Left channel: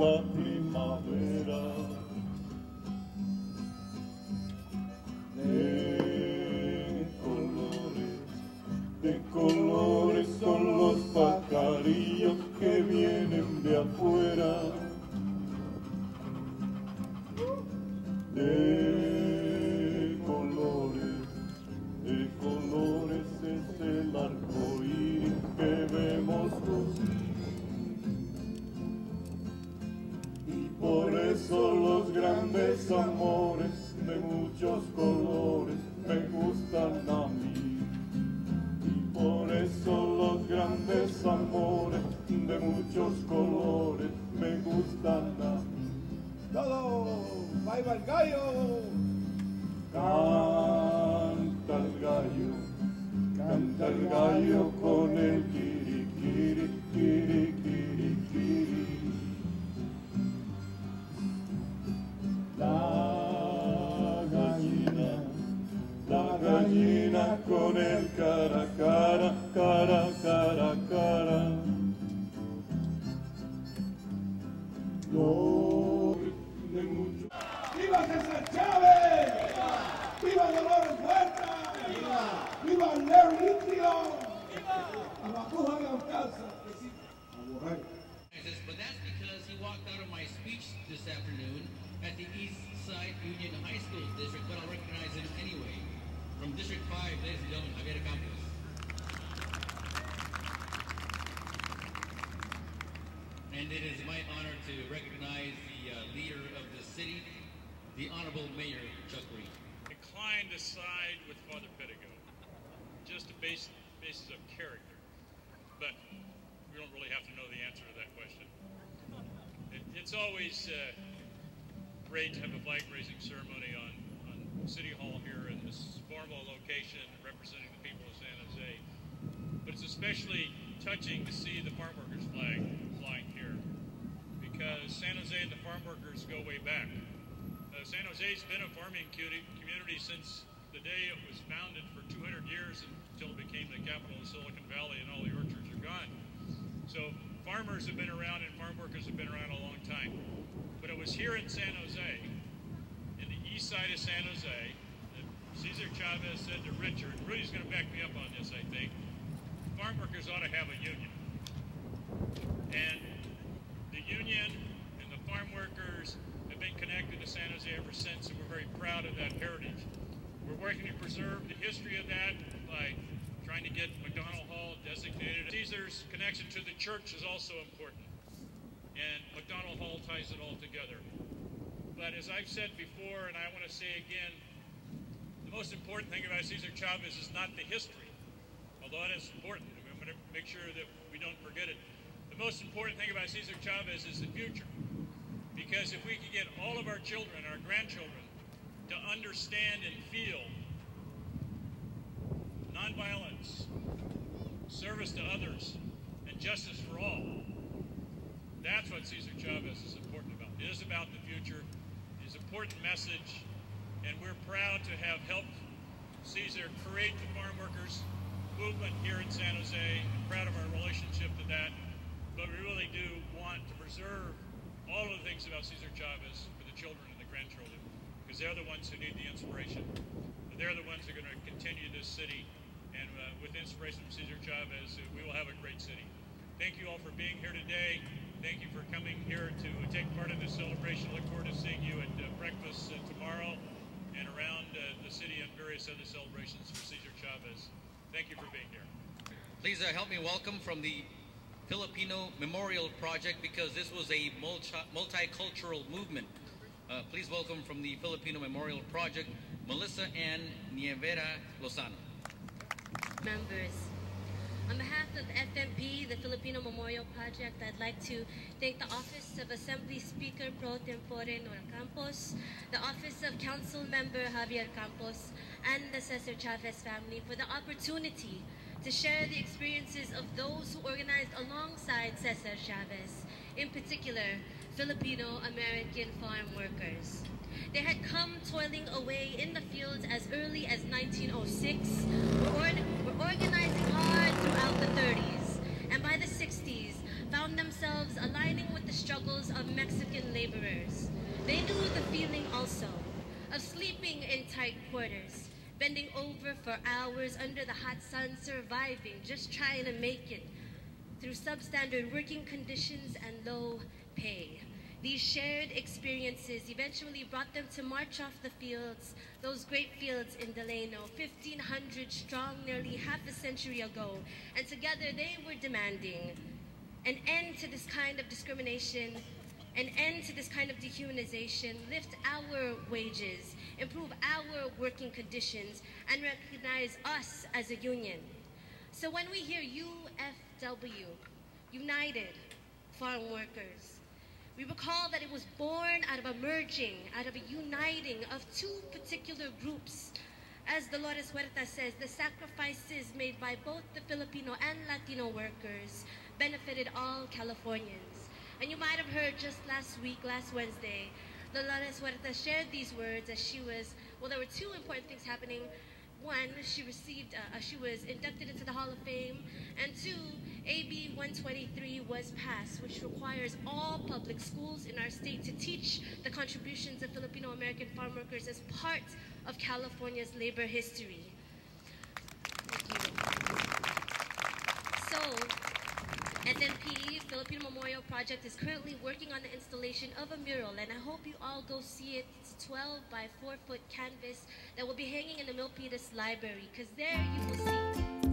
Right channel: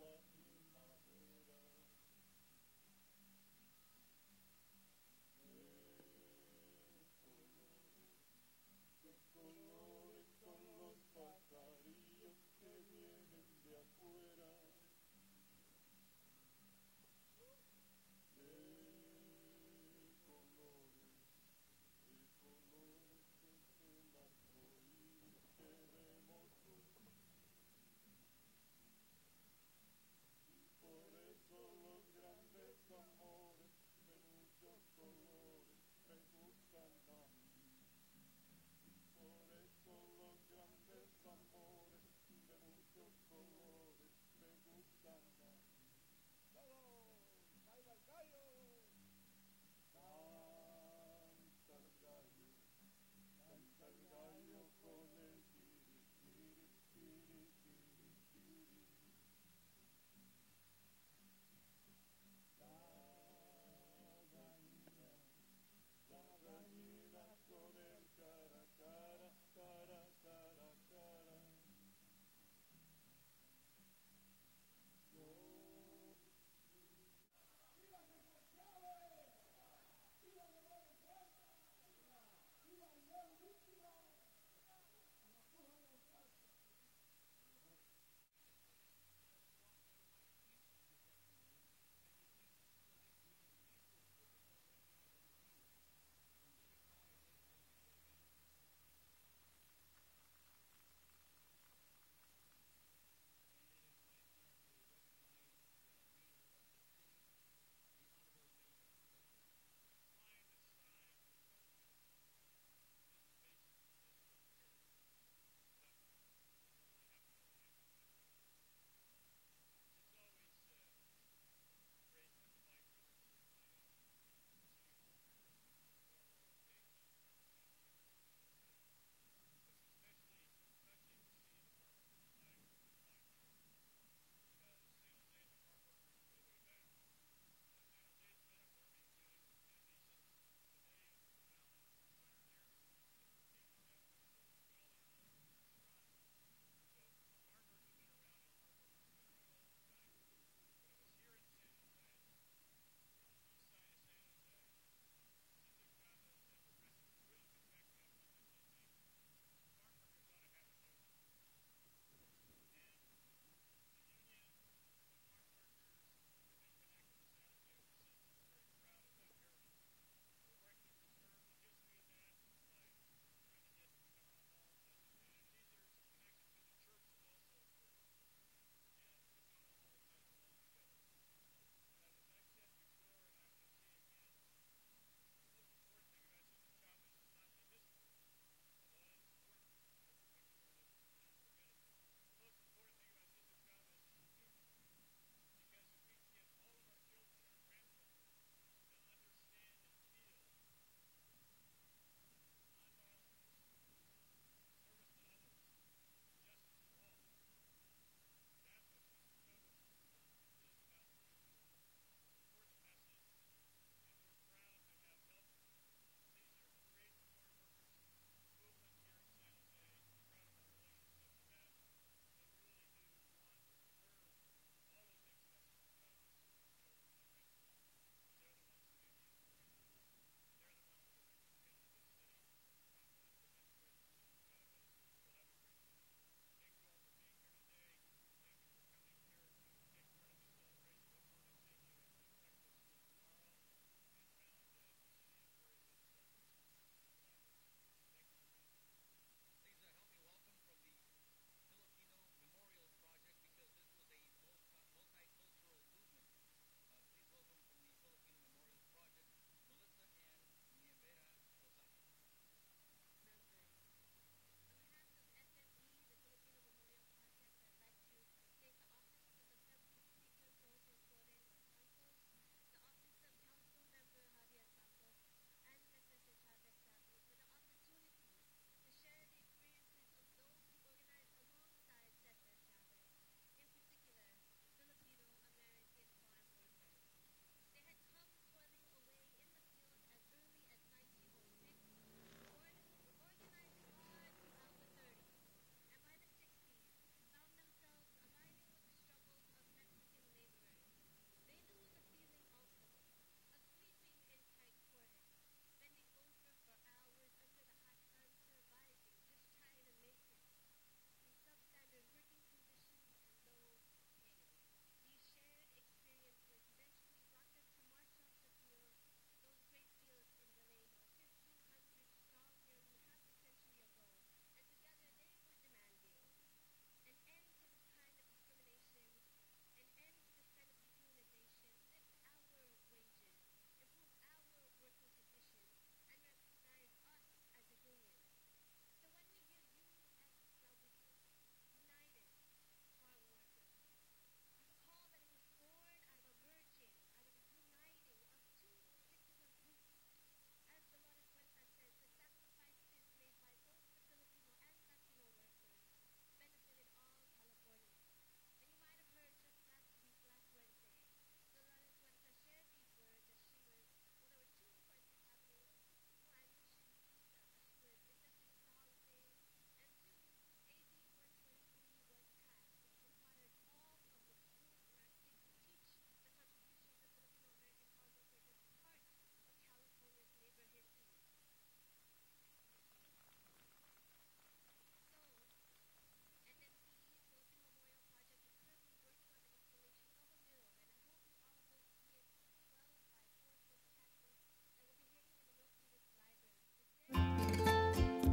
la primavera. De colores son los pajarillos que vienen de afuera. De colores es el arco iris que vemos lucir. Y por eso los grandes amores de muchos colores me gustan a mí. Y por eso los grandes amores de muchos colores me gustan a mí. ¡Todo! ¡Ahí va el gallo! Canta el gallo con el kiri, kiri, kiri, kiri. La gallina con el cara, cara, cara, cara, cara. No, de mucho. ¡Viva César Chávez! ¡Viva Dolores Huerta! ¡Viva Larry Litio! ¡A la puja de Alcalza! But that's because he walked out of my speech this afternoon at the East Side Union High School District, but I'll recognize him anyway. From District 5, ladies and gentlemen, Javier Campos. And it is my honor to recognize the leader of the city, the Honorable Mayor Chuck Reed. Inclined to side with Father Pedigo, just a basis of character. But we don't really have to know the answer to that question. It's always great to have a flag-raising ceremony on City Hall here in this formal location representing the people of San Jose. But it's especially touching to see the farm workers flag flying here, because San Jose and the farm workers go way back. San Jose's been a farming community since the day it was founded for 200 years until it became the capital of Silicon Valley and all the orchards are gone. So farmers have been around and farm workers have been around a long time. But it was here in San Jose, in the east side of San Jose, that Cesar Chavez said to Richard, Rudy's going to back me up on this, I think, farm workers ought to have a union. And the union and the farm workers have been connected to San Jose ever since, and we're very proud of that heritage. We're working to preserve the history of that by trying to get McDonald Hall designated. Caesar's connection to the church is also important, and McDonald Hall ties it all together. But as I've said before, and I want to say again, the most important thing about Cesar Chavez is not the history, although it is important. I'm going to make sure that we don't forget it. The most important thing about Cesar Chavez is the future. Because if we could get all of our children, our grandchildren, to understand and feel nonviolence, service to others, and justice for all, that's what Cesar Chavez is important about. It is about the future. It is an important message, and we're proud to have helped Cesar create the farm workers movement here in San Jose. I'm proud of our relationship to that, but we really do want to preserve all of the things about Cesar Chavez for the children and the grandchildren, because they're the ones who need the inspiration. They're the ones who are going to continue this city, and with inspiration from Cesar Chavez, we will have a great city. Thank you all for being here today. Thank you for coming here to take part in this celebration. Look forward to seeing you at breakfast tomorrow and around the city and various other celebrations for Cesar Chavez. Thank you for being here. Please help me welcome from the Filipino Memorial Project, because this was a multicultural movement. Please welcome from the Filipino Memorial Project, Melissa Ann Nievera Lozano. Members, on behalf of FMP, the Filipino Memorial Project, I'd like to thank the Office of Assembly Speaker Pro Tempore Nora Campos, the Office of Council Member Javier Campos, and the Cesar Chavez family for the opportunity to share the experiences of those who organized alongside Cesar Chavez, in particular, Filipino-American farm workers. They had come toiling away in the fields as early as 1906, were organizing hard throughout the 30s, and by the 60s, found themselves aligning with the struggles of Mexico for hours under the hot sun, surviving, just trying to make it through substandard working conditions and low pay. These shared experiences eventually brought them to march off the fields, those great fields in Delano, 1,500 strong nearly half a century ago. And together they were demanding an end to this kind of discrimination, an end to this kind of dehumanization, lift our wages, improve our working conditions, and recognize us as a union. So when we hear UFW, United Farm Workers, we recall that it was born out of a merging, out of a uniting of two particular groups. As Dolores Huerta says, the sacrifices made by both the Filipino and Latino workers benefited all Californians. And you might have heard just last Wednesday, Dolores Huerta shared these words as she was, well, there were two important things happening. One, she was inducted into the Hall of Fame, and two, AB 123 was passed, which requires all public schools in our state to teach the contributions of Filipino-American farm workers as part of California's labor history. Thank you. So, FMP, Filipino Memorial Project, is currently working on the installation of a mural, and I hope you all go see it. It's a 12 by 4 foot canvas that will be hanging in the Milpitas Library, because there you will see